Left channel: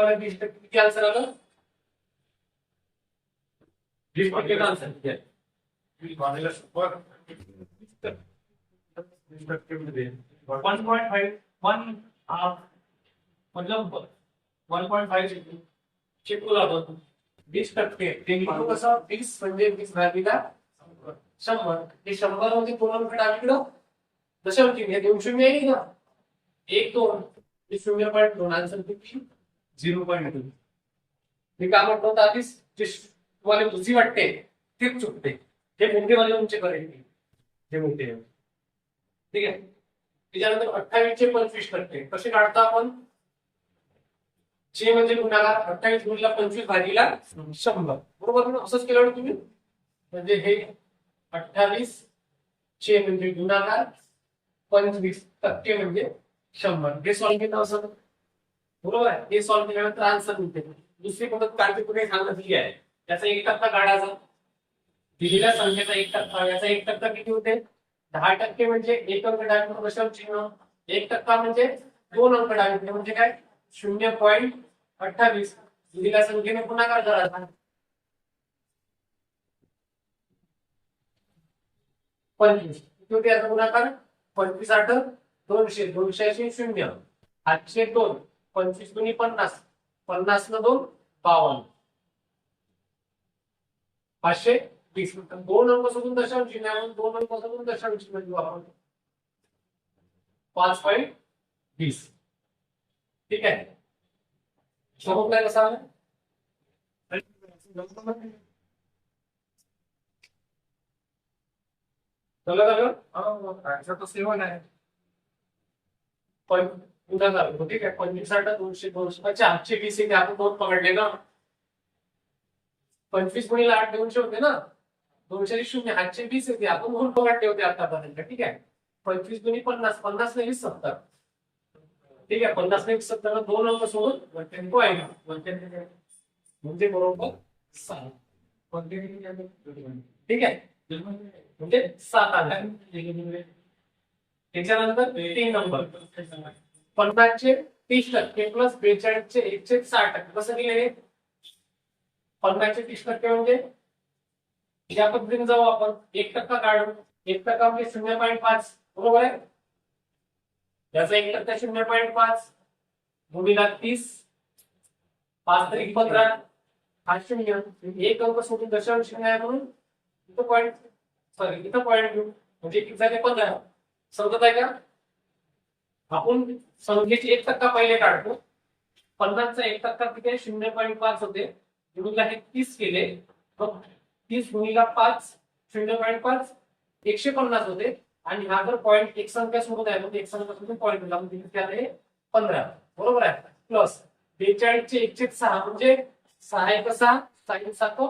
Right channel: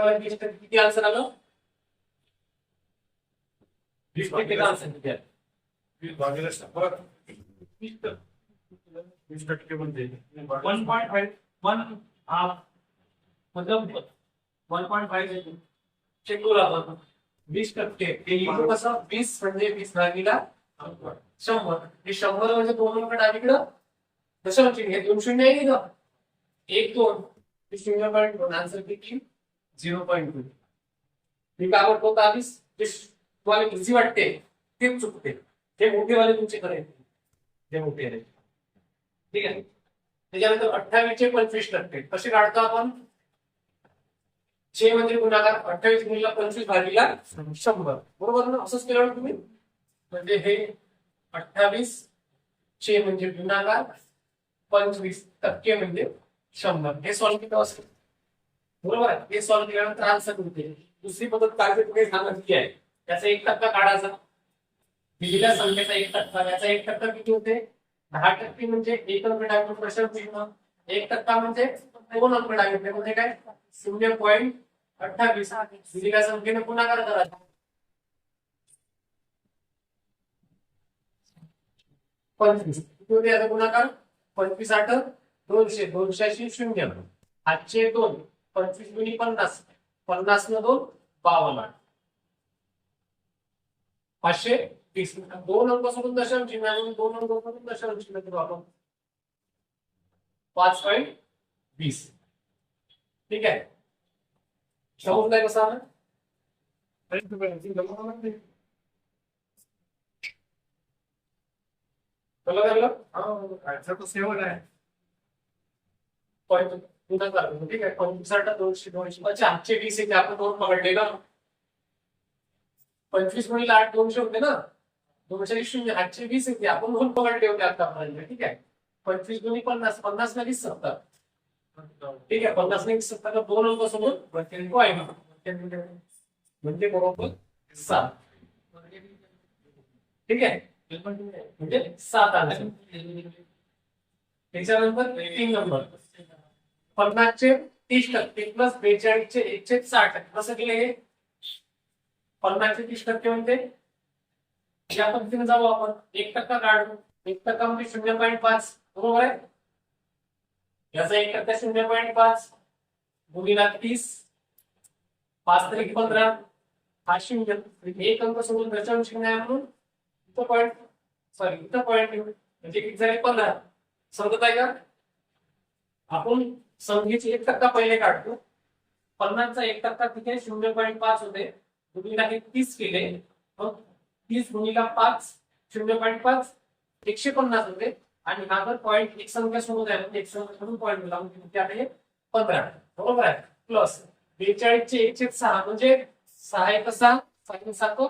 किती आन्सर आलं वीस टक्केचा आन्सर किती वीस शंभर वीस टक्के वीस टक्के म्हणजे one point five one half मतलब वन पॉईंट फाईव्ह चेक करू आपण वीस टक्के ते लिहू कसं वीस म्हणजे वीस भागीला शंभर हे शंभर म्हणजे दोन रुपये डावीकडं दशम चिन्ह हे दोन शून्य आहे इथं एक दोन शून्य पॉईंट दोन आन्सर किती झिरो पॉईंट टू मी काय म्हणतो आधीच? जे तुम्हाला बुद्धी वाटते तेच चुकते. ते मोठेवाले तुमच्याकडे येतील. जे मोठे आहेत. ठीक आहे? त्याच्यानंतर अठ्ठावीस चे पंचवीस टक्के. कसे काढतो आपण? चे म्हणजे गुणाकार अठ्ठावीस गुणिला पंचवीस भागीला शंभर. बरोबर ना? असंच केलं ना तुम्ही? म्हणजे हे अठ्ठावीस चे म्हणजे गुणाकार पंचवीस टक्के म्हणजे शंभर. हे सॉल्व्ह केलं असं बरोबर? हे सॉल्व्ह केल्यानंतर आन्सर मिळते. दुसरी पद्धत काय तुम्ही सांगितली आहे त्याचा एक टक्का काढायचा. दिलेल्या संख्येचा एक टक्का. याचा एक टक्का किती होते? दहा टक्के म्हणजे एक अंक डावीकडे प्रश्न चिन्ह. एक टक्का म्हणजे दोन अंक डावीकडे. म्हणजे काय? शून्य पॉईंट अठ्ठावीस. दिलेल्या संख्येने गुणाकार करायचा. पंचवीस. किती होते याचा गुणाकार? पंचवीस आठ दोनशे. दोनशे शून्य. आठशे दोन. पंचवीस गुणी पन्नास. पन्नास न दोन बावन्न. पाचशे वीस दोन अंक सोडून दशांश चिन्ह दोन अंक सोडून दशांश चिन्ह देऊ आपण पाच पॉईंट वीस. ठीक आहे? समजलाय कसा आला? कळलं झालं आन्सर तर सेवन आहे. पुन्हा झालं ठीक आहे पंचवीस साठ दोनशे दोनशे अच्छा आठशे वीस येते आपण दोन पकडले ना पंचवीस गुणिले आठ दोनशे होते ना? दोनशे शून्य आठशे वीस येते आपण दोन पकडले होते आतापर्यंत ठीक आहे पंचवीस गुणी पन्नास पन्नास ने वीस सत्तर। ठीक आहे पन्नास ने सत्तर दोन अंक सोडून. म्हणजे बरोबर सात। ठीक आहे म्हणजे सात आले त्याच्यानंतर तीन नंबर। पन्नासचे तीस टक्के प्लस बेचाळीसचे एकशे साठ टक्के. कसं दिले हे? पन्नासचे तीस टक्के म्हणजे या पद्धतीने जाऊ आपण. एक टक्का काढू एक टक्का म्हणजे शून्य पॉईंट पाच. बरोबर आहे? याचा एक टक्का शून्य पॉईंट पाच गुणिला तीस पाच तरी पंधरा? हा शून्य. म्हणजे एक अंक सोडून दशांश शून्य आहे म्हणून इथं पॉईंट सॉरी इथं पॉईंट घेऊ म्हणजे किती झाले? पंधरा. समजत आहे का? आपण संख्येचे एक टक्का पहिले काढतो. पन्नासचा एक टक्का किती आहे शून्य पॉईंट पाच होते. गुणिला हे तीस केले. मग तीस गुणिला पाच शून्य पॉईंट पाच एकशे पन्नास होते. आणि हा जर पॉईंट एक संख्या सोडून आहे म्हणजे एक संख्या सोडून पॉईंट मिळाला म्हणजे किती आले पंधरा. बरोबर आहे. प्लस बेचाळीसचे एकशे सहा म्हणजे सहा एक सहा सहा एक सात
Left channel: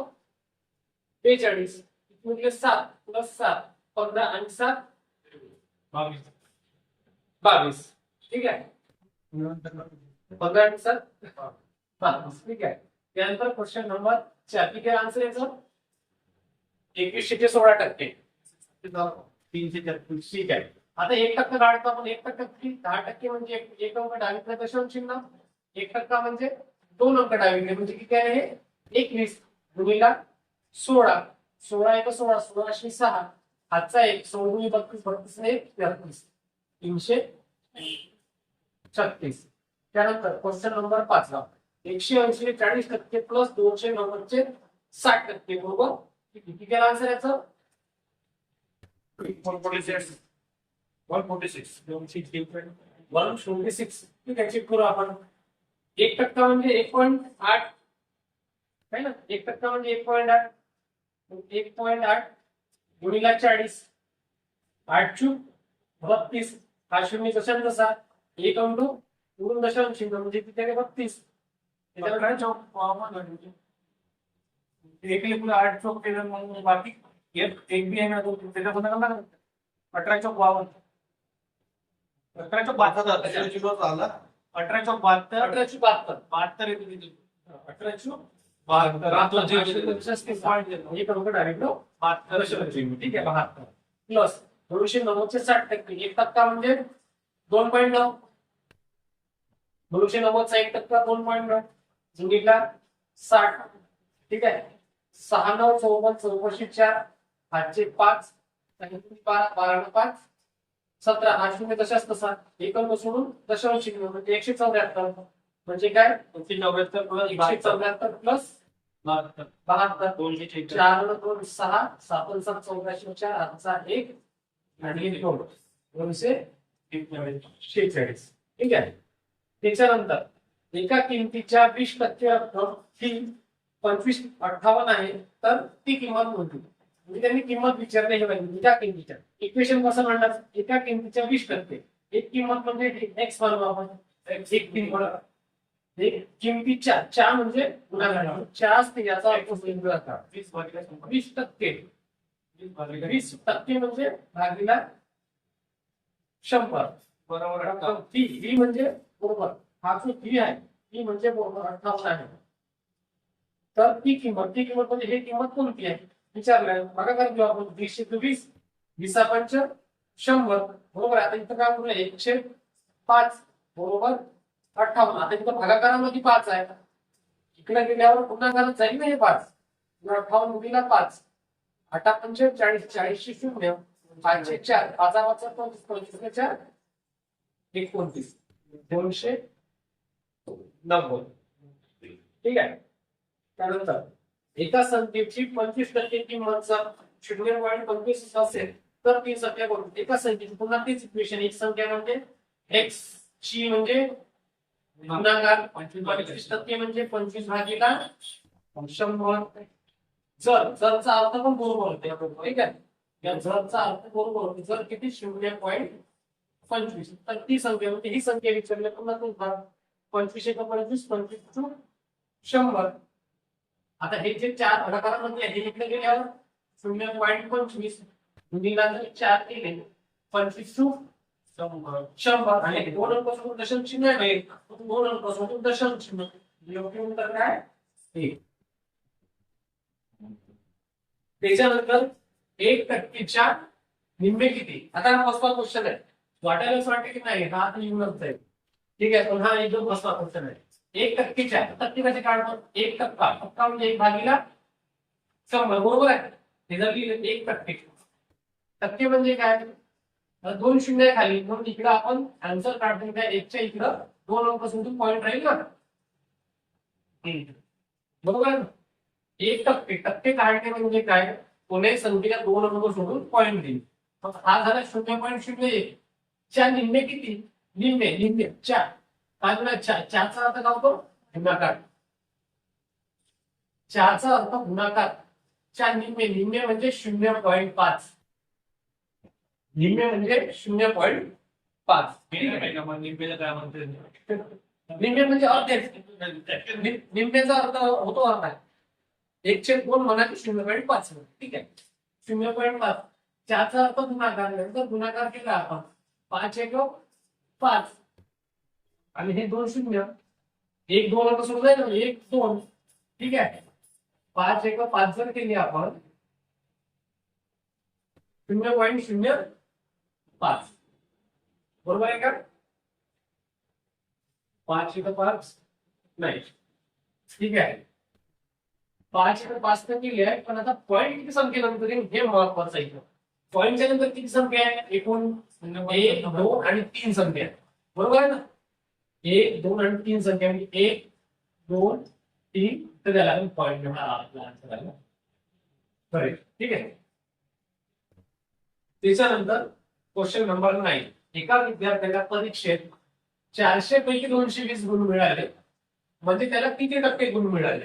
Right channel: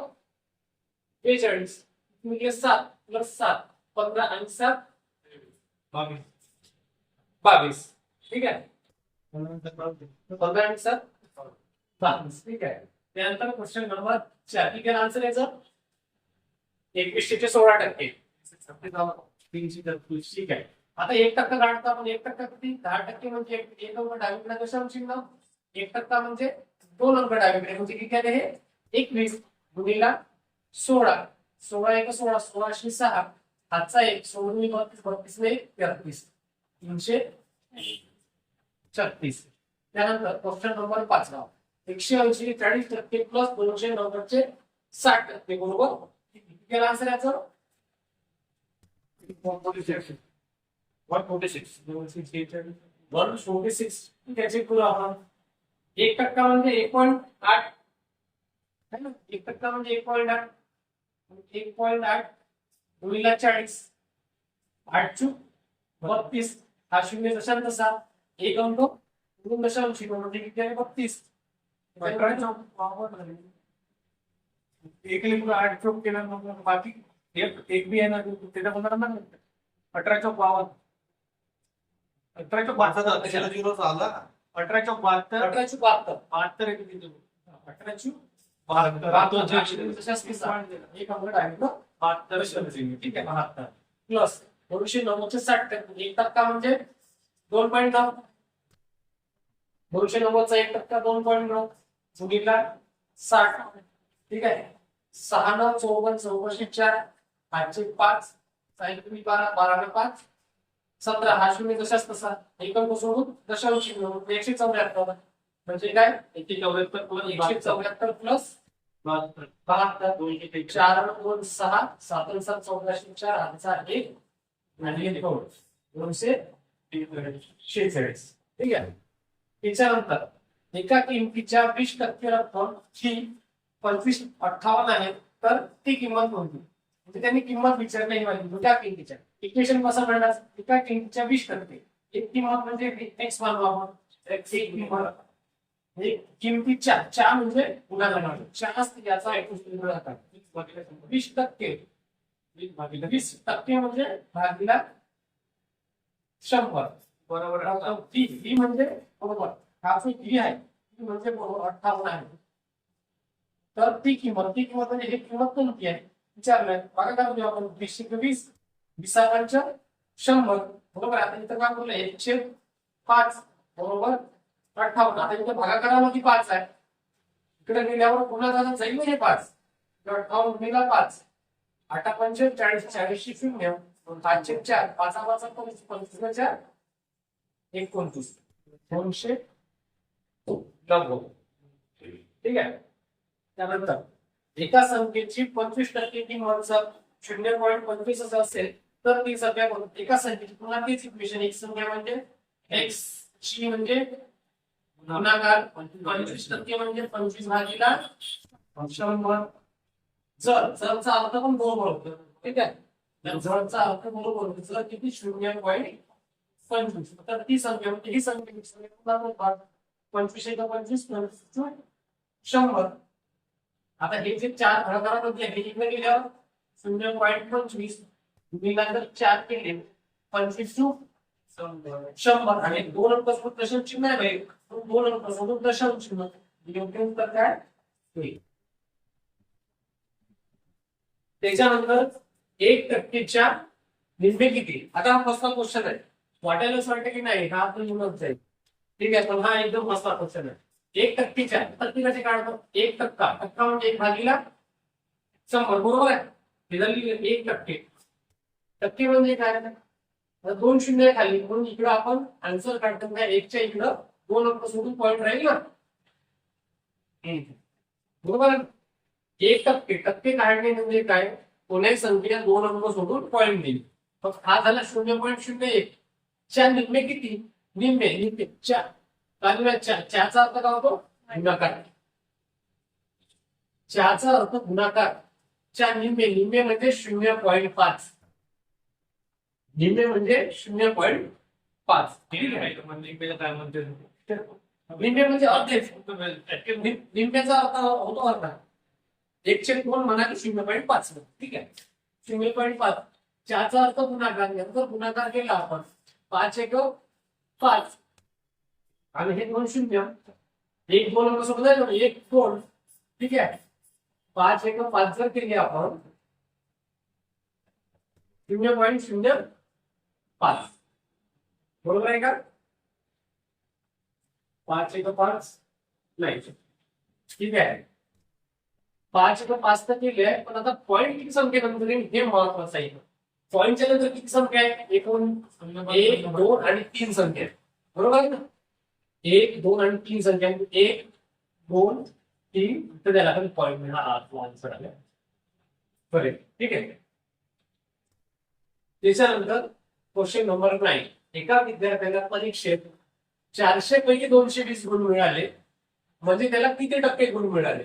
बेचाळीस. म्हणजे सात प्लस सात पंधरा आणि सात बावीस. बावीस. ठीक आहे? बावीस ठीक आहे. त्यानंतर क्वेश्चन नंबर चार. ठीक आहे आन्सर याचं? एकवीसशे सोळा टक्के. तीनशे तेहतीस ठीक आहे. आता एक टक्का काढतो आपण? एक टक्का किती? दहा टक्के म्हणजे एक अंक डावीकडे कशा चिन्ह एक टक्का म्हणजे दोन अंक डावीकडे. म्हणजे किती आले हे? एकवीस. गुणिला सोळा. सोळा एक सोळा. सोळाशे सहा. हातचा एक. सोळून बत्तीस बत्तीस. ने एक. तेहतीस. तीनशे छत्तीस. त्यानंतर क्वेश्चन नंबर पाचवा एकशे ऐंशी चाळीस टक्के प्लस दोनशे नव्वदचे साठ टक्के बरोबर? किती केला आन्सर याचं? One forty six one forty six दोनशे शेहेचाळीस वन फोर्टी सिक्स चेक करू आपण. एक टक्का म्हणजे एक पॉईंट आठ. है ना? एक टक्का म्हणजे एक पॉईंट आठ. एक पॉईंट आठ गुणिला चाळीस. आठ चूक बत्तीस. हा शून्य दशांश तसा एक अंक दोन दशांश म्हणजे किती आहे? बत्तीस. अठरा चौक एक लिखून आठ चौक केलं मग बाकी एक एक बी आहे ना तो त्याच्या पुन्हा अठरा चौक बावन्न. अठरा चौक बहात्तर झिरो झाला अठरा चौक बहात्तर अठरा चूक बहात्तर बहात्तर येते तिथे अठरा चूक बहात्तर बहात्तर. हा. एक अंक डावीकडं बहात्तर दशांश. चिन्ह. ठीक आहे बहात्तर. प्लस दोनशे नव्वदचे साठ टक्के. एक टक्का म्हणजे दोन पॉईंट नऊ. दोनशे नव्वदचा एक टक्का दोन पॉईंट नऊ. गुणिला साठ. ठीक आहे? सहा नऊ चौवन चौकशे चार. पाचशे पाच. सायंकाळी बारा बारा पाच. सतरा. हा शून्य दशाच तसा एक अंक सोडून दशांश म्हणजे एकशे चौऱ्याहत्तर. म्हणजे काय? एकशे चौऱ्याहत्तर प्लस एकशे चौऱ्याहत्तर प्लस बहात्तर. दोनशे. चार दोन सहा. सात सात चौदाशे चार. हातचा एक. आणि दोनशे शेहेचाळीस. ठीक आहे? त्याच्यानंतर एका किमतीच्या वीस टक्के रक्कम ही पंचवीस अठ्ठावन्न आहे तर ती किंमत कोणती म्हणजे त्यांनी किंमत विचारली ही पाहिजे एका किमतीच्या. इक्वेशन कसं म्हणणार? एका किमतीच्या वीस टक्के. एक किंमत म्हणजे एक्स मानू आपण. एक किंमत. एक किमतीच्या च्या म्हणजे गुणाकार च्या असते याचा वीस टक्के वीस भागिले वीस टक्के म्हणजे भागीला शंभर. बरोबर म्हणजे बरोबर. हा जो ही आहे. ती म्हणजे बरोबर अठ्ठावन्न आहे. तर ती किंमत ती किंमत म्हणजे हे किंमत कोणती आहे? विचारलंय. बघा करा घेऊ आपण वीसशे वीस वीसा पंच शंभर बरोबर आहे. आता इथं काय करूया एकशे पाच बरोबर? अठ्ठावन्न. आता इथं भागाकारामध्ये पाच आहे. इकडे गेल्यावर पुन्हा झालं जाईल हे पाच. अठ्ठावन्न गुणिला पाच. आठा पंच चाळीस चाळीसशे शून्य. पाचशे चार. पाचा पाच पंचवीस पंचवीस चार. एकोणतीस. दोनशे नव्वद. ठीक आहे? त्यानंतर एका संख्येची पंचवीस टक्के किंमत जर शून्य पॉईंट पंचवीस असं असेल तर ती संख्या कोणती एका संख्येची पुन्हा तीच इक्वेशन एक संख्या म्हणजे एक्स ची म्हणजे गुणाकार पंचवीस टक्के म्हणजे पंचवीस भागीला शंभर. जर जरचा अर्थ पण बरोबर होते. ठीक आहे? या जरचा अर्थ बरोबर होतो जर किती? शून्य पॉईंट पंचवीस. तर ती संख्या होती. ही संख्या विचारली. पुन्हा तो भाग पंचवीस एका पंचवीस पंचवीस टू शंभर. आता हे जे चार प्रकारामध्ये आहे इकडे गेल्यावर शून्य पॉईंट पंचवीस निघाल चार केले. पंचवीस टू शंभर. शंभर. आणि दोन अंकासोबत दशम चिन्ह आहे एक दोन अंकासोबत दशम चिन्ह. योग्य उत्तर काय? एक त्याच्यानंतर एक टक्केच्या निम्मे किती? आता हा फसवा क्वेश्चन आहे. वाटायलाच वाटतं की नाही हा आता येऊनच जाईल ठीक आहे पण हा एकदम मस्त क्वेश्चन आहे. एक टक्केच्या टक्के कसे काढतो एक टक्का. टक्का म्हणजे एक भागीला शंभर. बरोबर आहे? हे लिहिलं एक टक्के. टक्के म्हणजे काय? दोन शून्य आहे खाली. म्हणून इकडं आपण आन्सर काढतो काय? एकच्या इकडं. दोन अंक सोडून पॉईंट राहील ना? बरोबर आहे ना? एक टक्के. टक्के काढणे म्हणजे काय? कोणत्याही संख्येला दोन अंक सोडून पॉईंट देईल मग हा झाला शून्य पॉईंट शून्य एक. च्या निम्मे किती? निम्मे निम्मे. चार काय चा चाचा अर्थ काय होतो? गुणाकार. चहाचा अर्थ गुणाकार. च्या निम्मे निम्मे म्हणजे शून्य पॉईंट पाच. निम्मे म्हणजे शून्य पॉईंट पाच. लिंबेला काय म्हणते? निम्मे म्हणजे अर्धेच. निम्म्याचा अर्थ होतो अर्धा. एकशे दोन म्हणा की शून्य पॉईंट पाच. ठीक आहे. शून्य पॉईंट पाच. चारचा अर्थ गुणाकार. नंतर गुणाकार केला आपण. पाच एक हो. पाच. आणि हे दोन शून्य. एक दोन अंक सोडून जाईल ना, एक दोन. ठीक आहे. पाच एक पाच जर केली आपण शून्य पॉईंट शून्य पाच. बरोबर आहे का? पाच एक पाच नाही. ठीक आहे. पाच एक पाच तर केली आहे पण आता पॉईंट किती संख्येनंतर हे महत्वाचं आहे. पॉईंटच्या नंतर किती संख्या आहे? एकूण एक दोन आणि तीन संख्या. बरोबर आहे ना? एक दोन आणि तीन संख्या. एक दोन तीन. तर त्याला आपण पॉईंट हा आपला आन्सर आला. करेक्ट ठीक आहे? त्याच्यानंतर क्वेश्चन नंबर नाईन एका विद्यार्थ्याला परीक्षेत चारशे पैकी दोनशे वीस गुण मिळाले. म्हणजे त्याला किती टक्के गुण मिळाले?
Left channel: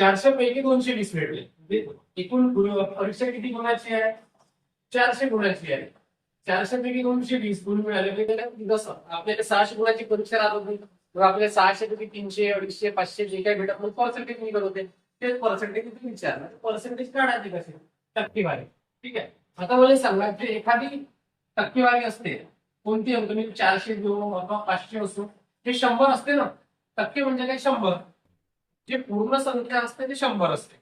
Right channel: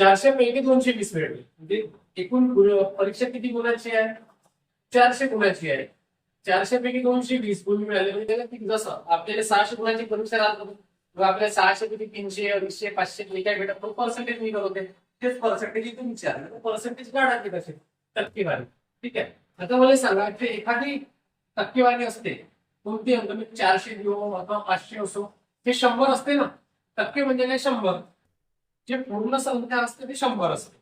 चारशे पैकी दोनशे वीस मिळाले एकूण परीक्षा किती गुणाची आहे चारशे गुणाची आहे चारशे पैकी दोनशे वीस गुण मिळाले म्हणजे जसं आपल्याला सहाशे गुणाची परीक्षा राहत होती आपल्याला सहाशे पैकी तीनशे अडीचशे पाचशे जे काही भेटत पर्सेंटेज निघत होते तेच पर्सेंटेज इथे विचारलं पर्सेंटेज काढायचे कसे टक्केवारी ठीक आहे आता मला सांगा जे एखादी टक्केवारी असते। कोणती अंक? मी चारशे घेऊ अथवा पाचशे असो। हे शंभर असते ना? टक्के म्हणजे काय शंभर। जे पूर्ण संख्या असते ते शंभर असते.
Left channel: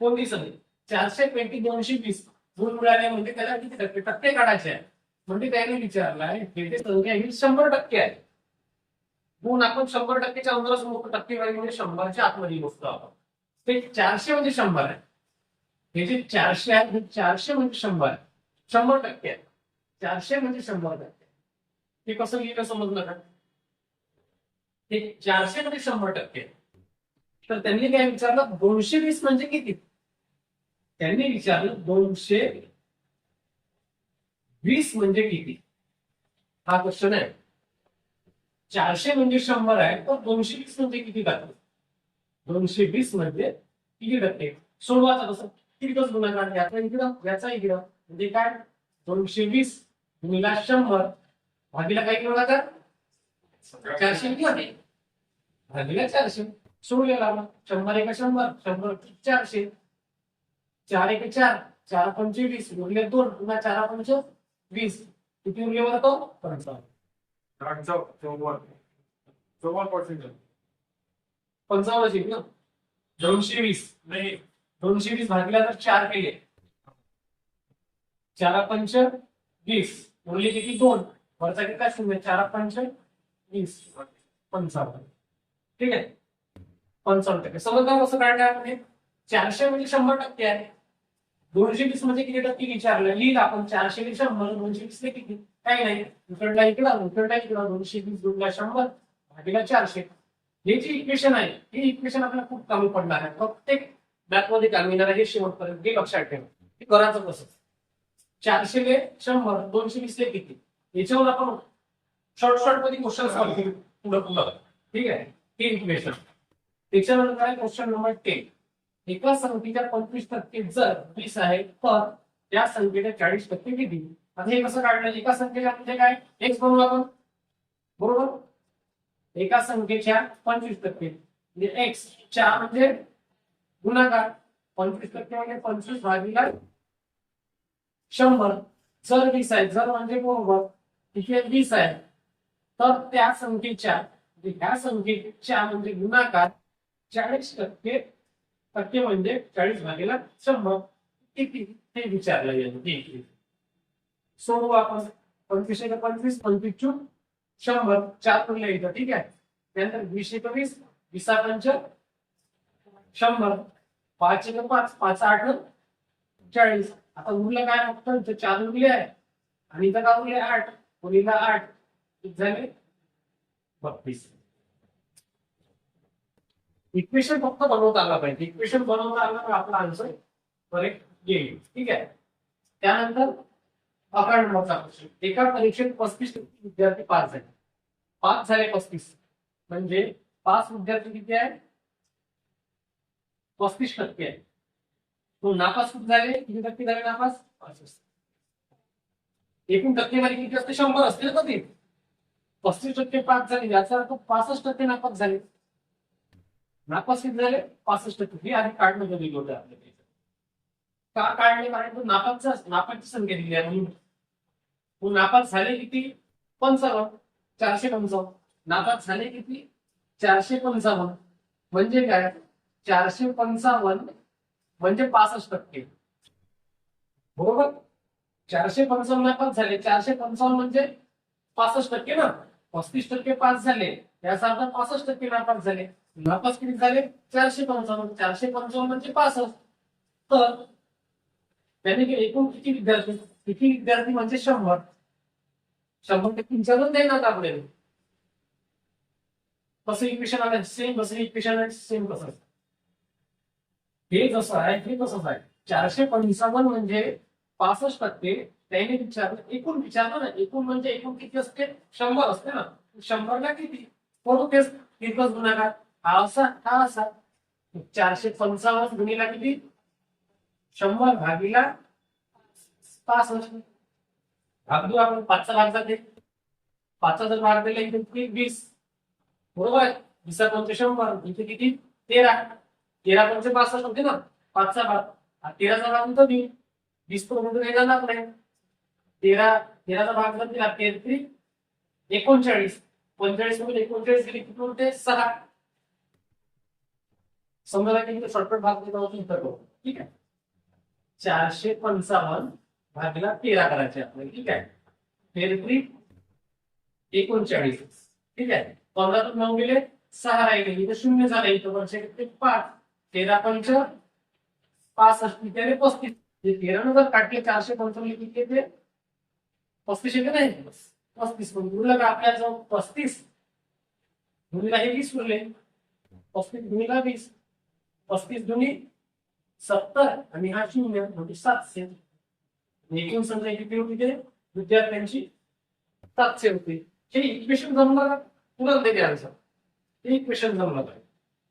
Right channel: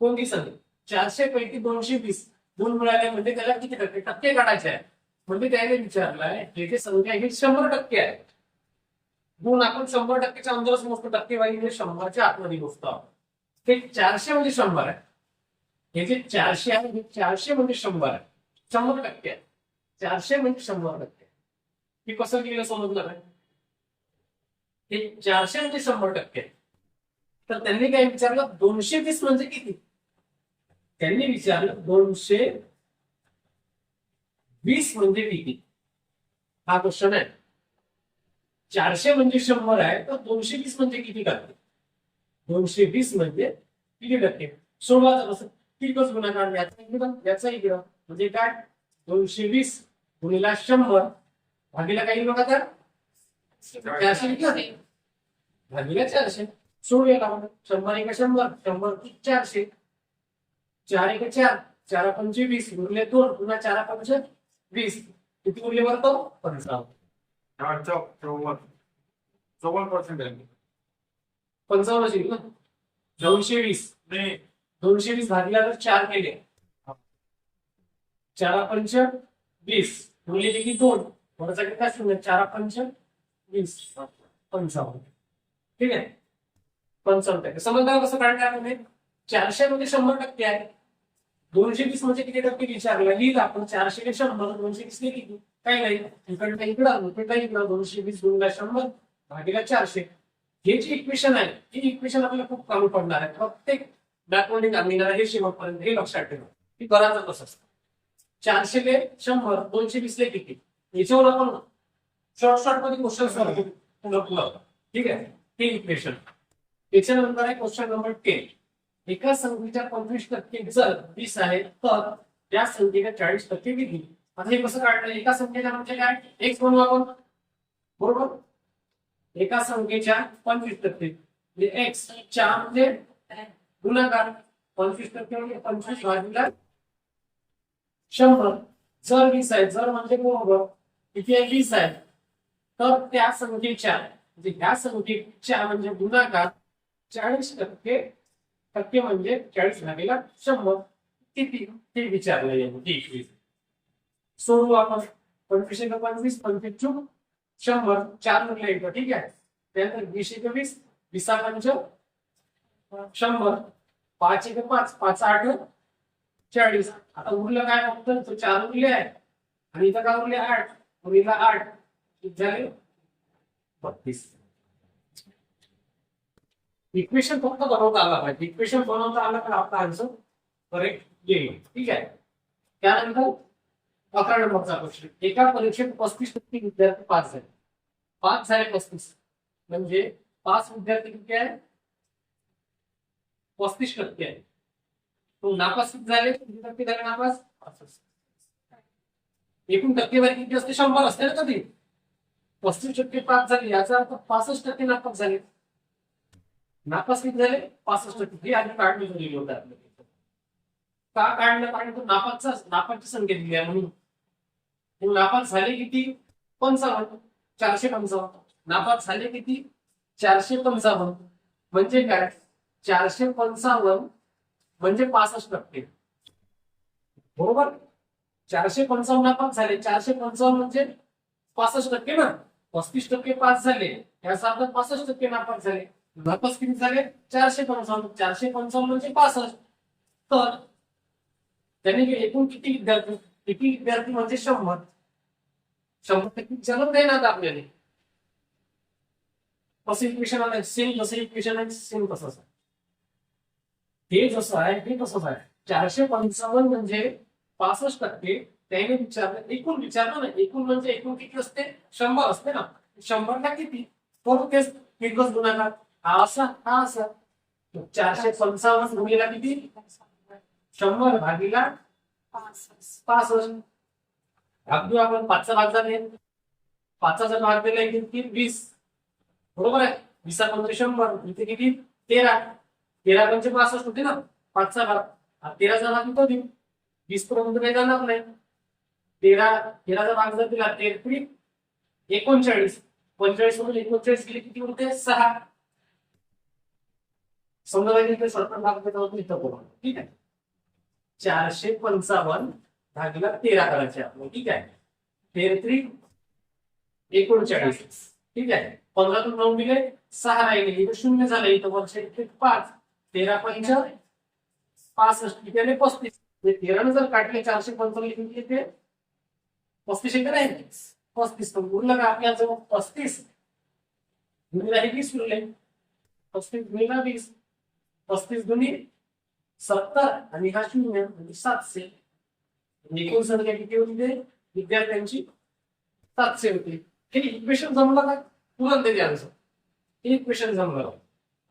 कोणती संख्या? चारशे पैकी दोनशे वीस. गुण मिळाले म्हणजे त्याला किती टक्के? टक्के काढायचे आहे म्हणजे त्याने विचारलाय हे जे संख्या ही शंभर टक्के आहे गुण आपण शंभर टक्केच्या अंदरच मोजतो टक्केवारी म्हणजे शंभरच्या आतमध्ये मोजतो आपण. ते चारशे म्हणजे शंभर आहे. हे जे चारशे आहे हे चारशे म्हणजे शंभर आहे. शंभर टक्के आहे चारशे म्हणजे शंभर टक्के हे कसं लिहिलं समजलं का? हे चारशे म्हणजे शंभर टक्के आहे. तर त्यांनी काय विचारलं? दोनशे वीस म्हणजे किती? त्यांनी विचारलं दोनशे वीस म्हणजे किती? हा क्वेश्चन आहे. चारशे म्हणजे शंभर आहे तर दोनशे वीस म्हणजे किती टक्के? दोनशे वीस म्हणजे किती टक्के? सोडवायचं कसं तिरकस गुणाकार याचा इकडं याचा इकडं. म्हणजे काय? दोनशे वीस गुणिला शंभर भागीला काही गुणाकार चारशे किती भागीला चारशे. सोडूया लागलं शंभर एका शंभर शंभर चारशे चार एक चार चार पंचे वीस उरले दोन पुन्हा चार पंच वीस. किती उरले बरं तो? पंचावन्न. हा, चौ- चौवन चौवन पर्सेंट आहे. पंचावन्न येईल ना? दोनशे वीस. नाही. दोनशे वीस भागीला जर चार केले. चारा पंच वीस. उरले किती? दोन. वरचा किती काय शून्य चारा पंच वीस. पंचावन्न. ठीक आहे? पंचावन्न टक्के. समजणार कसं काढणार म्हणजे चारशे म्हणजे शंभर टक्के आहे. दोनशे वीस म्हणजे किती टक्के विचारलं? लिहिलं आपण चारशे ते शंभर दोनशे वीस ले किती काही नाही. इकडला इकडं उकडला इकडं दोनशे वीस दोनला शंभर भागीला चारशे. हे जे इक्वेशन आहे हे इक्वेशन आपल्याला खूप कमी पडणार आहे. प्रत्येक मॅथमध्ये काम येणार आहे हे शेवटपर्यंत हे लक्षात ठेवा. हे करायचं कसं चारशे ले शंभर दोनशे वीस ले किती याच्यावर आपण शॉर्ट शॉर्टमध्ये क्वेश्चन सॉल्व्ह करू. पुढं पुढं. ठीक आहे? हे इक्वेशन त्याच्यानंतर आहे क्वेश्चन नंबर टेन एका संख्येच्या पंचवीस टक्के जर वीस आहे तर त्या संख्येच्या चाळीस टक्के किती? आता हे कसं काढलं? एका संख्येच्या म्हणजे काय? एक्स बनवू आपण. बरोबर? एका संख्येच्या पंचवीस टक्के. म्हणजे एक्स च्या म्हणजे गुणाकार. पंचवीस टक्के म्हणजे पंचवीस भागीला शंभर. जर वीस आहे जर म्हणजे बरोबर इथे वीस आहे. तर त्या संख्येच्या म्हणजे ह्या संख्येच्या म्हणजे गुणाकार चाळीस टक्के टक्के म्हणजे चाळीस भागीला शंभर. किती? ते विचारलं यामध्ये एकवीस सोडू आपण. पंचवीस एक पंचवीस पंचवीस चूक. शंभर. चार म्हणलं येतं ठीक आहे? त्यानंतर वीस एक वीस वीसा पंच शंभर. पाच एक पाच. पाच आठ. चाळीस. आता उरलं काय फक्त? चार उरले आहे आणि इथं काय उरले? आठ. उरलेला आठ. झाले? बत्तीस. इक्वेशन फक्त बनवता आला पाहिजे. इक्वेशन बनवता आला तर आपला आन्सर करेक्ट येईल. ठीक आहे? त्यानंतर अकरा नंबरचा क्वेश्चन एका परीक्षेत पस्तीस टक्के विद्यार्थी पास झाले. पाच झाले पस्तीस. म्हणजे पाच विद्यार्थी किती आहे? पस्तीस टक्के आहे. तो नापास किती झाले? किती टक्के झाले नापास? एकूण टक्केवारी किती असते? शंभर असते ना कधी? पस्तीस टक्के पास झाले. याचा अर्थ पासष्ट टक्के नापास झाले. नापास किती झाले पासष्ट टक्के. आधी काढणं दिलं होतं आपल्याला का काढलं? कारण तो नापासचा नापासची संख्या दिली आहे म्हणून. नापास झाले किती? पंचावन्न. चारशे पंचावन्न. नापास झाले किती? चारशे पंचावन्न. म्हणजे काय? चारशे पंचावन्न म्हणजे पासष्ट टक्के. बरोबर? चारशे पंचावन्न नापास झाले. चारशे पंचावन्न म्हणजे पासष्ट टक्के ना? पस्तीस टक्के पास झाले. याचा अर्थ पासष्ट टक्के नापास झाले. नापास किती झाले? चारशे पंचावन्न. चारशे पंचावन्न म्हणजे पासष्ट. तर त्यांनी जे एकूण किती विद्यार्थी किती विद्यार्थी म्हणजे शंभर? शंभर टक्के विचारत नाही ना आपल्याला? कसं इक्वेशन आलं सेम कसं इक्वेशन आहे सेम तसंच आहे. हे जसं आहे हे तसंच आहे. चारशे पंचावन्न म्हणजे पासष्ट टक्के. त्याने विचारलं एकूण विचारलं ना एकूण म्हणजे एकूण किती असते? शंभर असते ना. शंभरला किती? तो तेच एकच गुणाकार? हा असा हा असा. चारशे पंचावन्न गुणीला किती? शंभर भागीला पासष्ट. भाग देऊ आपण पाचचा भाग जाते. पाचचा जर भाग दिला इथे किती? वीस. बरोबर आहे? वीसा पंच शंभर. इथे किती? तेरा. तेरा पंच पासष्ट होते ना? पाचचा भाग. हा तेराचा भाग तो. देऊ वीस पर्यंत काही जाणार नाही. तेरा तेराचा भाग जर दिला तेहत्री एकोणचाळीस. पंचेचाळीस मधून एकोणचाळीस गेले किती उरते? सहा. समजा काही इथे शॉर्टकट भाग देत आहोत इतर करू. ठीक आहे. चारशे पंचावन्न भागीला तेरा करायचे आपल्याला ठीक आहे. तेहतीस एकोणचाळीस. ठीक आहे. पंधरातून नऊ गेले सहा राहिले. इथं शून्य झाले. इथं वर्ष पाच. तेरा पंच पासष्ट. इथे पस्तीस. ते तेरानं जर काटले चारशे पंचावन्न किती येते? पस्तीस येते नाही पस्तीस. पण उरलं का आपल्या जवळ पस्तीस. गुणीला हे वीस उरले. पस्तीस गुणीला वीस. पस्तीस गुणी सत्तर आणि हा शून्य म्हणजे सातशे. एकूण संख्या किती होती ते विद्यार्थ्यांची सातशे होते. हे इक्वेशन जमलं का? तुरंत देते आन्सर हे इक्वेशन जमलं पाहिजे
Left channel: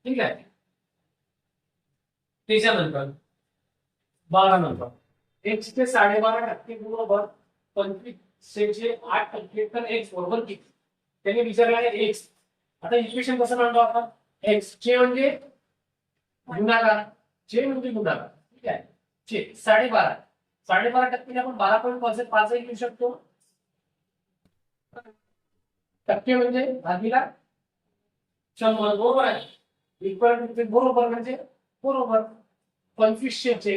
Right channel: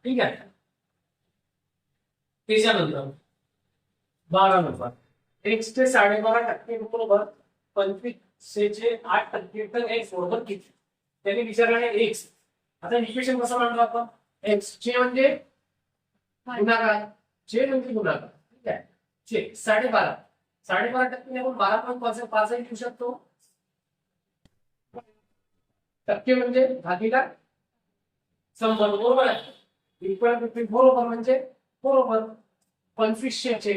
ठीक आहे. त्याच्यानंतर बारा नंबर एक्स चे साडेबारा टक्के बरोबर पंचवीसशेचे आठ टक्के तर एक्स बरोबर किती? त्यांनी विचारलं आहे एक्स आता इक्वेशन कसं म्हणतो आपण? एक्स चे म्हणजे गुणाकार चे म्हणजे गुणाकार ठीक आहे? चे साडेबारा साडेबारा टक्के आपण बारा पॉईंट पाच पाचही घेऊ शकतो. टक्के म्हणजे भागीला शंभर बरोबर आहे? इक्वल बरोबर म्हणजे बरोबर. पंचवीसशे चे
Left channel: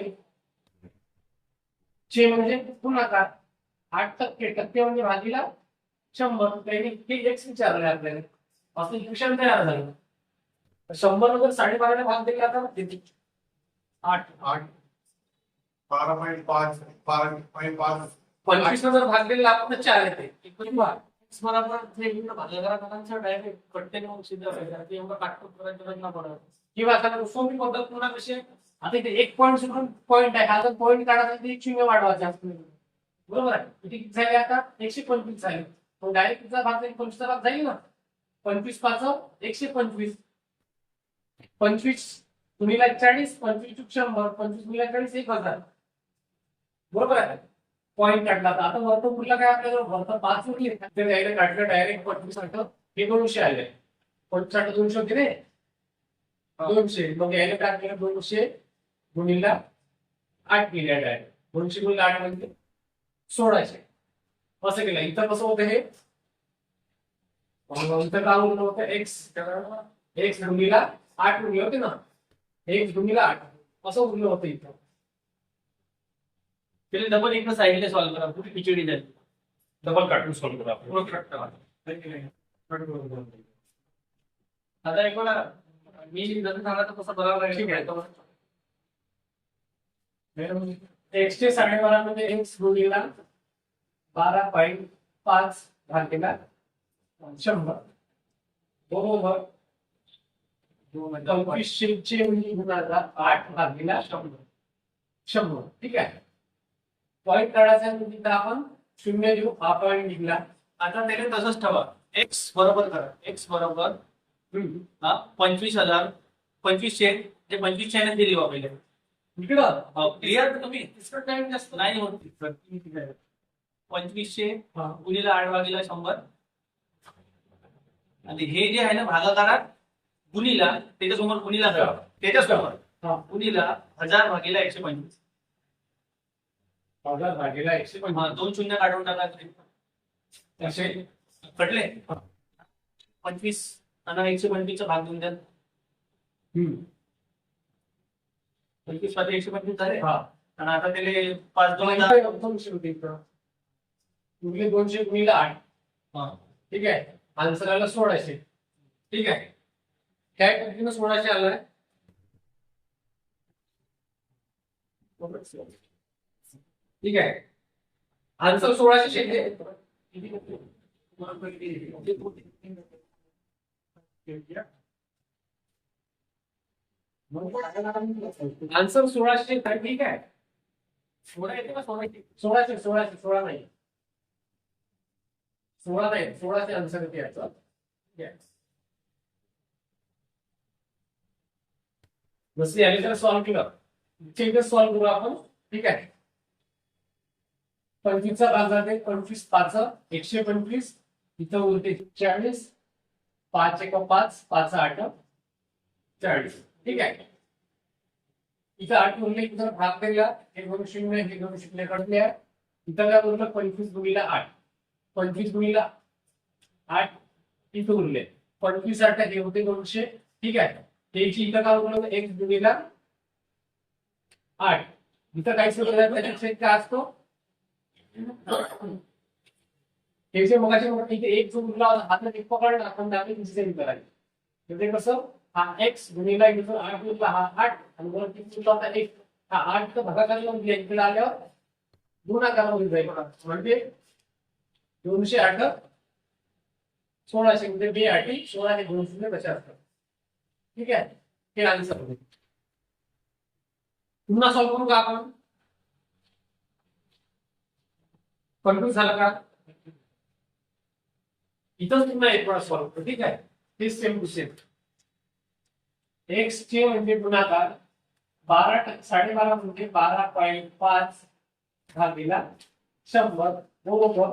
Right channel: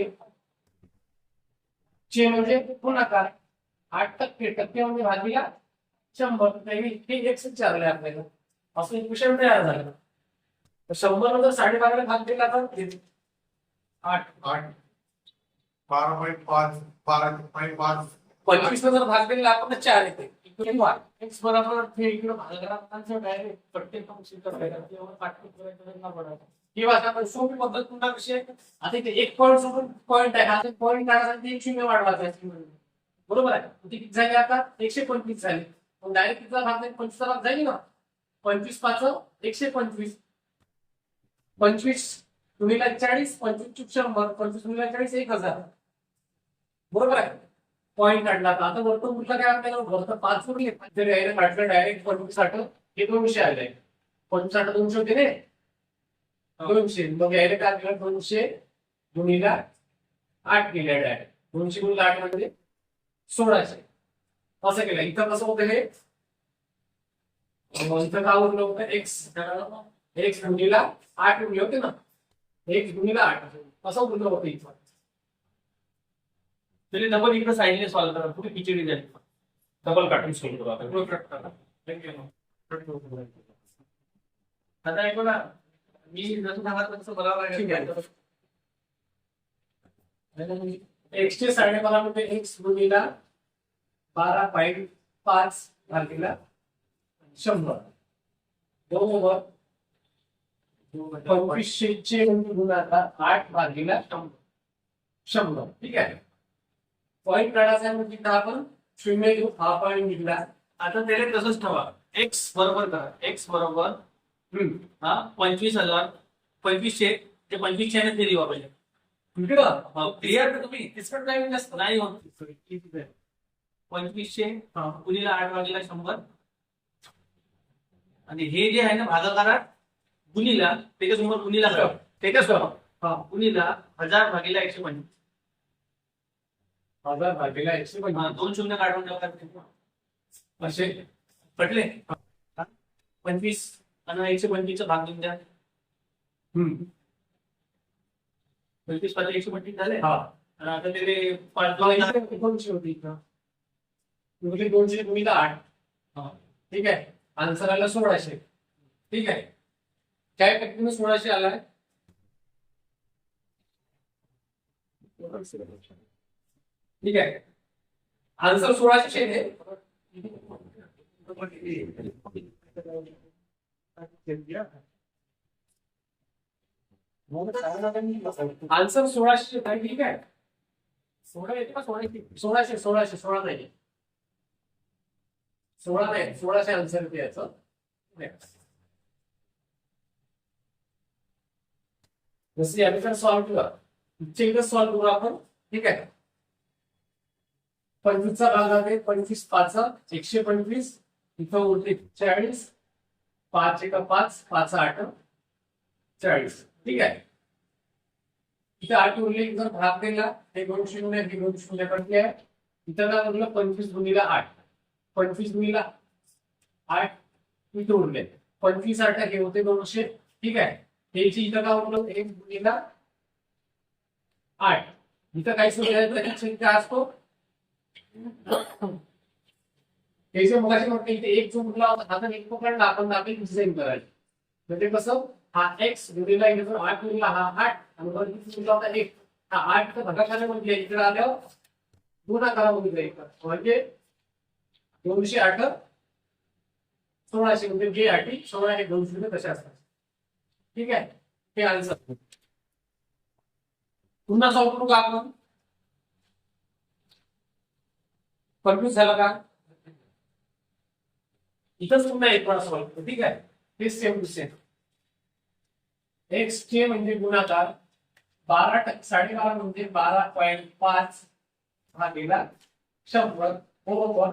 चे म्हणजे गुणाकार. आठ टक्के टक्के म्हणजे भागीला शंभर. हे एक विचारले आपल्याला. असं इक्वेशन तयार झालं. शंभर नंतर साडेबाराला भाग दिला किती? आठ. आठ. बारा पॉईंट पाच बारा पॉईंट पाच. पंचवीस जर भाग दिला आपण चार येते. एक्स बरोबर इकडे भागाकारांचा डायरेक्ट कट्टे सिद्ध ते एवढं काटकूट करायचं गरज नाही पडत. किंवा आता सोपी पद्धत पुन्हा कशी आहे आता इथे एक पॉईंट सोडून पॉईंट आहे. आता पॉईंट काढायसाठी एक शून्य वाढवायचे बरोबर आहे? किती झाले आता? एकशे पंचवीस झाले. मग डायरेक्ट तिचा भाग जाईल? पंचवीसचा भाग जाईल ना? पंचवीस पाच एकशे पंचवीस. पंचवीस गुणिला चाळीस पंचवीस चूक शंभर पंचवीस गुणिला चाळीस एक हजार. बरोबर आहे. पॉईंट काढला तर आता वर्त उरला काय आपल्याला वर्त पाच उरले डायरेक्ट काढलं डायरेक्ट पंचवीस आठ हे दोनशे आले. पंचवीस आठ दोनशे होते रे. दोनशे. मग यायला काय केलं दोनशे गुणिला आठ केल्या डायरेक्ट दोनशे गुणिला आठ म्हणजे सोळाशे. असं केलं. इथं कसं होतं हे? इथं काय उरलं होतं? एक्स एक्स गुणिला आठ उरले होते ना. एक्स गुणिला आठ. असं उरलं होतं इथं. त्याला डबल इकडे साईडने सॉल्व्ह करा. पुढे पिचडी झाली? डबल काटून सोल्व करू आपण. आता एक वेळा मी जसं सांगितलं तसं बरोबर ठीक आहे. आहे एक्सचे साडेबारा मध्ये एक्स गुणिला बारा पॉईंट पाच भागेला शंभर. बरोबर पंचवीसशे म्हणजे गुणाकार आठ भागीला शंभर. शंभर. ठीक आहे. पॉईंट काढायचा म्हणजे आपण. शून्य घेऊ. हा पॉईंट निघला. आता त्याला तसंच ठेवा. एक्स बरोबर करा. एक्स बरोबर. हा पंचवीस हजार. पंचवीसशे ते पंचवीसशे ने दिली पहिले. इकडं. हो. क्लिअर तुम्ही? तिसकट नाही जास्त. नाही होत. पंचवीसशे. गुणीला आठ भागीला शंभर. आणि हे जे आहे ना भागाकारात गुणीला त्याच्यासमोर गुणीला करा. त्याच्यासमोर हा. गुणीला हजार भागीला एकशे पंचवीस. हजार भागीला एकशे हा, पंचवीस दोन शून्य काढून टाका असे पटले? पंचवीस आणि एकशे पंचवीसचा भाग देऊन द्या. हम्म. पंचवीस पाच एकशे पंचवीस झाले? हा. आणि आता त्याले पाच दोन दोनशे होते इथं. दोनशे गुणिला आठ. हा. ठीक आहे. आन्सर आला सोळाशे. ठीक आहे. काय टक्केनं सोळाशे आलाय ठीक आहे. आन्सर सोळाशे येते आन्सर सोळाशे ठीक आहे. सोळा येते का सोळाशे सोळाशे सोळाशे सोळा नाही. सोळा नाही सोळाशे आन्सर येते याचा ठीक आहे. जसं याने जर सॉल्व्ह केलं इथे एकदा सॉल्व्ह करू आपण. ठीक आहे? पंचवीसचा भाग जाते पंचवीस पाच एकशे पंचवीस. इथं उरते चाळीस. पाच एका पाच पाच आठ चाळीस. ठीक आहे? इथं आठ उरले जर भाग दिला हे दोन शून्य हे दोन शून्य कटले आहे. इथं काय उरलं? पंचवीस गुणीला आठ. पंचवीस गुणीला आठ इथं उरले. पंचवीस आठ हे होते दोनशे. ठीक आहे? त्याची इथं काय उपलब्ध एक्स गुणिला आठ. इथं काय सुरू संख्या असतो. त्याचे मग मगाशी इथे एक जो उरला होता हा जर एक पकडला. आपण दाखल डिझाईन करायची. म्हणजे कसं? हा एक्स गुणिला इथे आठ उरला हा आठ. आणि वर किती उरला होता एक. हा आठ तर भागाकारामध्ये म्हणजे आहे. इकडे आल्यावर गुणाकारामध्ये जाईल. म्हणजे दोनशे आठ. सोळाशे म्हणजे बे आठी सोळा हे दोनशे म्हणजे शून्य कसे असतात. ठीक आहे? हे आन्सर पुन्हा सॉल्व्ह करू का आपण? कन्फ्युज झालं का? इथंच पुन्हा एक वेळा सॉल्व्ह करू ठीक आहे? हे सेम टू सेम एक्स चे म्हणजे गुणाकार बारा टक्के साडेबारा म्हणजे बारा पॉईंट पाच भागीला शंभर बरोबर?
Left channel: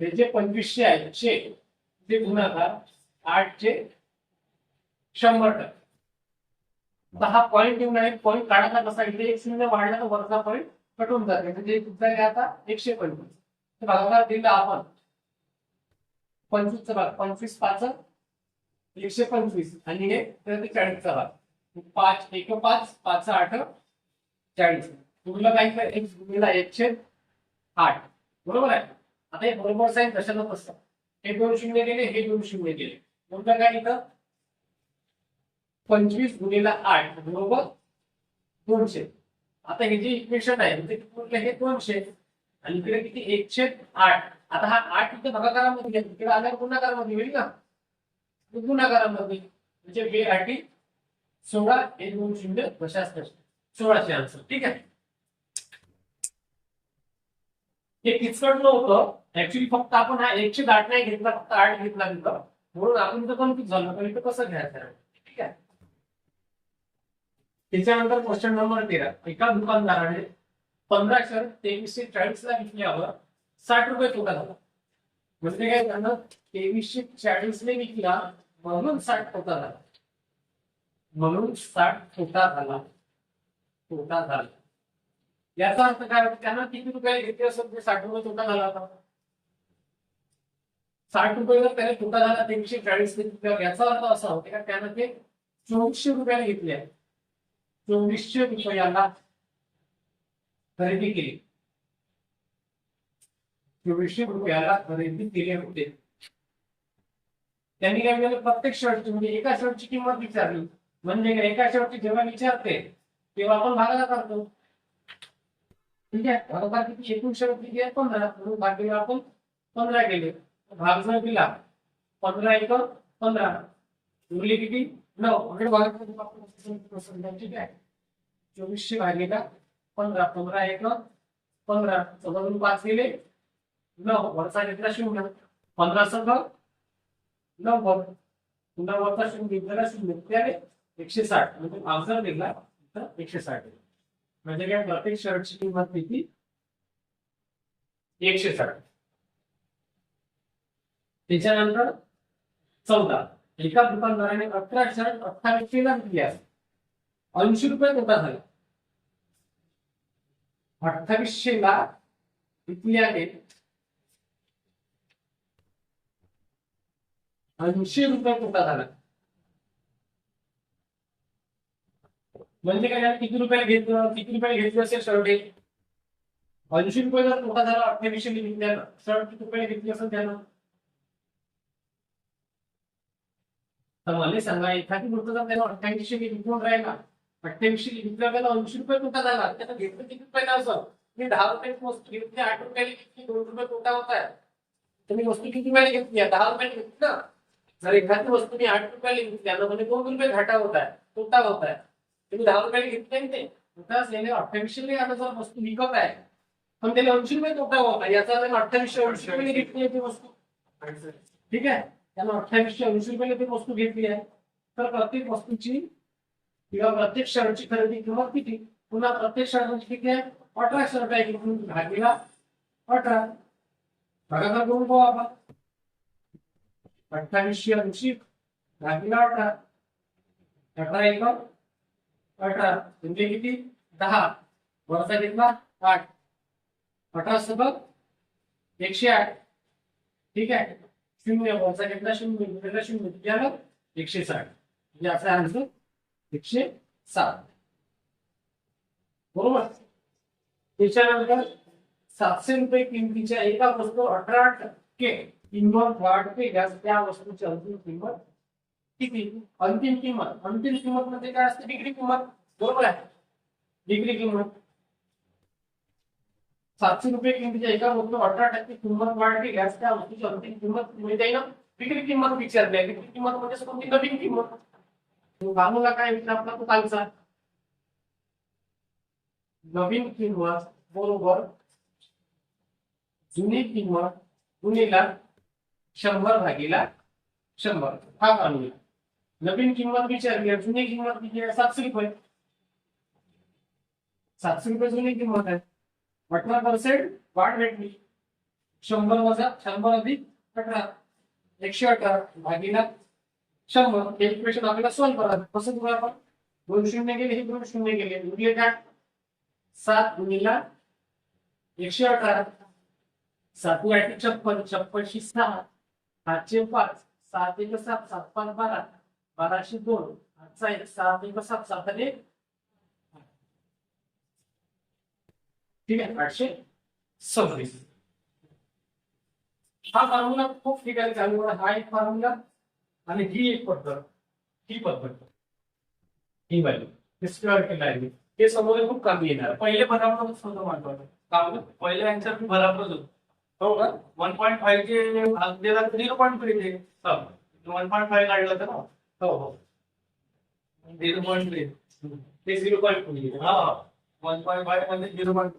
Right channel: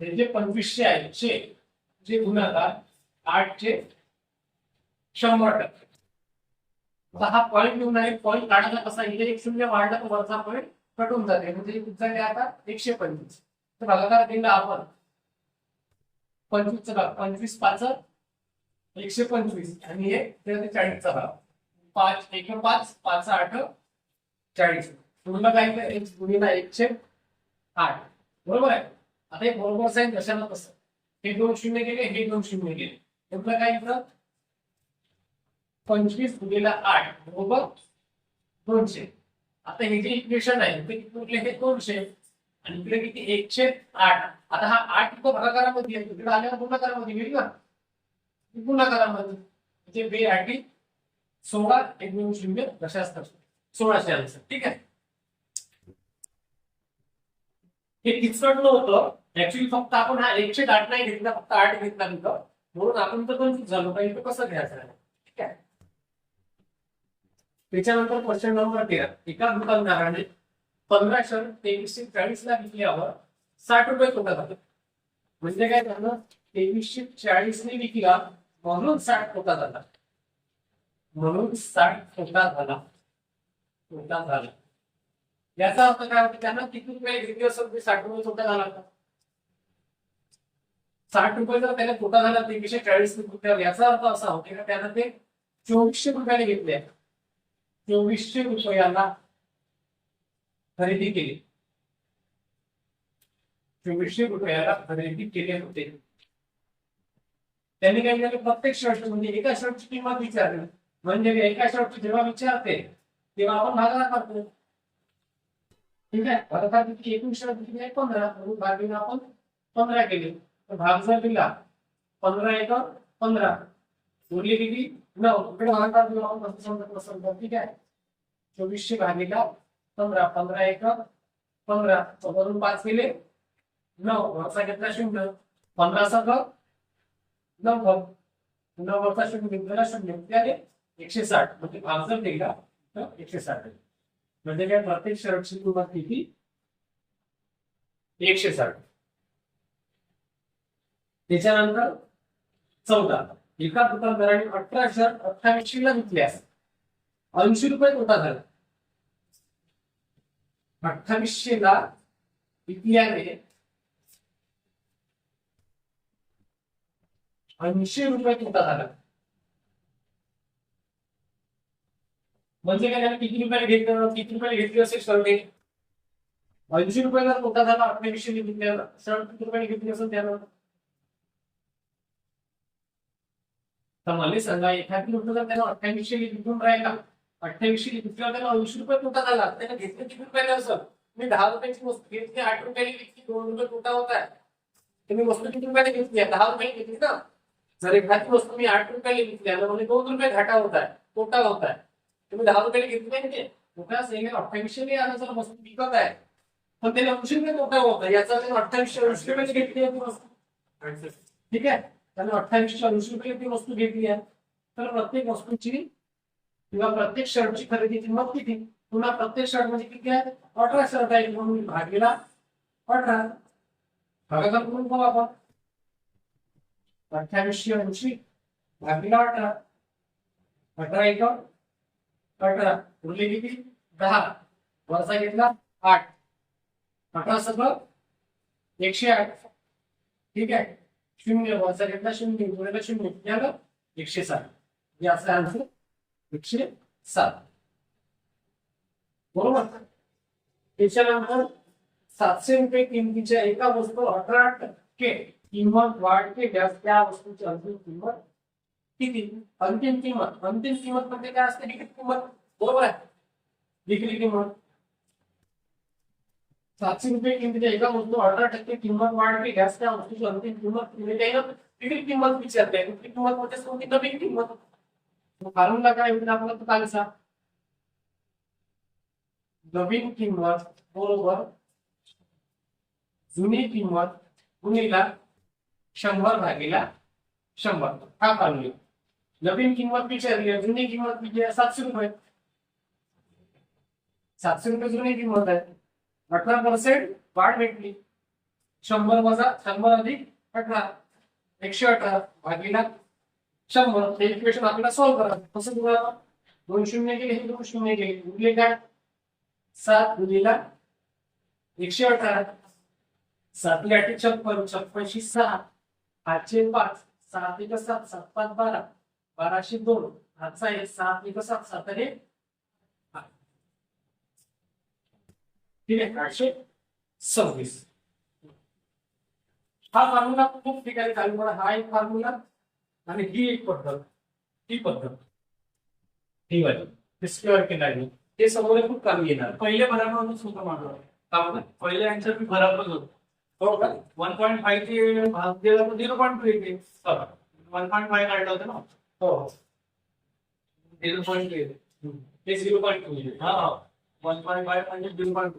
हे जे पंचवीसशे आहे चे जे गुणाकार आठचे शंभर टक्के. आता हा पॉईंट येऊन आहे पॉईंट काढायला कसा इथे एक शून्य वाढला तर वरचा पॉईंट कटून जाते. म्हणजे झाले आता एकशे पंचवीस. तर भागाकार दिला आपण. पंचवीसचा भाग. पंचवीस पाच एकशे पंचवीस. आणि हे चाळीसचा भाग. पाच एक पाच पाच आठ चाळीस. तुला काय तर एक गुणीला एकशे आठ. बरोबर आहे? आता हे बरोबर साईन कशाला तसं हे दोन शून्य गेले हे दोन शून्य गेले तुला काय इथं पंचवीस गुणिला आठ बरोबर दोनशे. आता हे जे इक्वेशन आहे ते किती उरले हे दोनशे. आणि इकडे किती? एकशे आठ. आता हा आठ इथं भागाकारामध्ये तिकडे आल्यावर गुणाकारामध्ये होईल ना? गुणाकारामध्ये. म्हणजे बे आठी सोळा एक दोन शून्य कशाच तसे सोळाशे आन्सर ठीक आहे? हे किचकट नव्हतं ऍक्च्युली फक्त आपण हा एकशे आठ नाही घेतला फक्त आठ घेतला तिथं. म्हणून आपण तर कन्फ्युज झालो. का इथं कसं घ्यायचं? आहे त्याच्यानंतर क्वेश्चन नंबर तेरा. एका दुकानदाराने पंधरा शर्ट तेवीसशे चाळीस ला विकल्यावर साठ रुपये तोटा झाला. म्हणजे काय झालं? तेवीसशे चाळीस ने विकला म्हणून साठ तोटा झाला. म्हणून साठ तोटा झाला. तोटा झाला. याचा अर्थ काय होता? त्यांना किती रुपये घेतले असं ते साठ रुपये तोटा झाला होता. साठ रुपये जर त्याने तोटा झाला तेवीसशे चाळीस ने विकल्यावर याचा अर्थ असा होता का त्यानं ते चोवीसशे रुपयाने घेतले चोवीसशे रुपयाला खरेदी केली. चोवीसशे रुपयाला खरेदी केले होते. त्यांनी काय केलं? प्रत्येक शर्टची म्हणजे एका शर्टची किंमत विचारली. म्हणजे एका शर्टची जेव्हा विचारते तेव्हा आपण भागाकार करतो. ठीक आहे? भागाकार किती? एकूण शर्ट किती आहे? पंधरा. म्हणून भागिले आपण पंधरा केले. तर भाग जर दिला पंधरा एक पंधरा. उरली किती? नऊ इकडे भागाकार दिला ठीक आहे? चोवीसशे भागिला पंधरा पंधरा एक पंधरा. चौदावरून पाच गेले नऊ वरचा घेतला शून्य. पंधरा संघ. नव्वद पुन्हा वरचा शून्य घेतलेला शून्य. त्याने आले एकशे साठ. म्हणजे भाग जर दिला तर एकशे साठ म्हणजे काय प्रत्येक शर्टची किंमत किती? एकशे साठ. त्याच्यानंतर चौदा. एका दुकानदाराने अठरा शर्ट अठ्ठावीसशे ला विकल्यास ऐंशी रुपये तोटा झाला. अठ्ठावीसशे ला विकल्याने ऐंशी रुपये तोटा झाला. म्हणजे काय झालं? किती रुपयाला घेतलं? किती रुपयाला घेतली असेल शर्ट हे ऐंशी रुपयाचा तोटा झाला अठ्ठावीसशे विकल्याला शर्ट किती रुपयाला घेतली असेल त्यानं? तर मला सांगा एखादी म्हटलं जर त्याला अठ्ठावीसशे विकून राहिला अठ्ठावीसशे विकल्यावर त्याला ऐंशी रुपये तोटा झाला त्याला घेतलं किती रुपयाला असं? मी दहा रुपयाची वस्तू घेतली आठ रुपयाला विकली दोन रुपये तोटा होत आहे. तर मी वस्तू किती रुपयाला घेतली? आहे? दहा रुपयाला घेतली ना? जर एखादी वस्तू मी आठ रुपयाला विकली आहे, तर म्हणजे दोन रुपये घाटा होत आहे तोटा होत आहे. तुम्ही दहा रुपयाला घेतली नाही ते? तोटा असेल अठ्ठावीसशे आता जर वस्तू विकत आहे पण त्याला ऐंशी रुपये तोटा होत आहे याचा अठ्ठावीसशे ऐंशी रुपये घेतली आहे ती वस्तू ठीक आहे? त्यानं अठ्ठावीसशे ऐंशी रुपये ती वस्तू घेतली आहे. तर प्रत्येक वस्तूची किंवा प्रत्येक शर्टची खरेदी किंमत किती पुन्हा प्रत्येक शर्ट म्हणजे किती आहे? अठरा शर्ट आहे म्हणून भागीला अठरा. भागाकार करून पाहू आपण. अठ्ठावीसशे ऐंशी भागीला अठरा. अठरा एक अठरा. उरले किती? दहा. वरचा घेतला आठ. अठरा सगळं एकशे आठ. ठीक आहे? शून्य वरचा घेतला शून्य गुणिला शून्य. किती आलं एकशे साठ. म्हणजे असं आन्सर एकशे सात. बरोबर? त्याच्यानंतर सातशे रुपये किमतीच्या एका वस्तू अठरा टक्के किंमत वाढ केल्यास त्या वस्तूची अंतिम किंमत किती? अंतिम किंमत. अंतिम किंमत म्हणजे काय असते? विक्री किंमत. बरोबर आहे. विक्री किंमत. सातशे रुपये किमतीच्या एका वस्तू अठरा टक्के किंमत वाढ केल्यास त्या वस्तूची अंतिम किंमत म्हणजे त्यानं विक्री किंमत विचारली आहे. विक्री किंमत म्हणजे कोणती? नवीन किंमत. फॉर्म्युला काय होईल आपला तो कालचा? नवीन किंमत बरोबर जुनी किंमत गुणीला शंभर भागीला शंभर. हा फॉर्म्युला नवीन किंमत विचारली आहे जुनी किंमत किती आहे? सातशे रुपये. सातशे रुपये जुनी किंमत आहे. अठरा पर्सेंट वाढ भेटली. शंभर वजा शंभर अधिक अठरा. एकशे अठरा भागीला शंभर. हे इक्वेशन आपल्याला सॉल्व्ह करा कसं करू आपण? दोन शून्य गेले हे दोन शून्य गेले उरले काय? सात गुणिला एकशे अठरा. सातवी आठ छप्पन. छप्पनशी सहा. आठशे पाच. सात एक सात सात पाच बारा. बाराशे दोन. आजचा एक. सात एक सात सात आणि एक ठीक आहे आठशे सव्वीस. हा फॉर्म्युला खूप ठिकाणी चालू करा. हा एक फॉर्म्युला आणि ही एक पद्धत. ही पद्धत. ही वाली. हिस्टॉरिकल नाही हे समोर खूप कमी येणार. पहिले बराबरच होतं माझं का पहिले यांच्या बी बराबरच होतं. हो का? वन पॉईंट फाईव्ह भाग दिला तर झिरो पॉईंट थ्री ते. वन पॉईंट फाईव्ह काढलं होतं ना? हो हो. झिरो पॉईंट थ्री हे झिरो पॉईंट टू हा वन पॉईंट फाईव्ह म्हणजे झिरो पॉईंट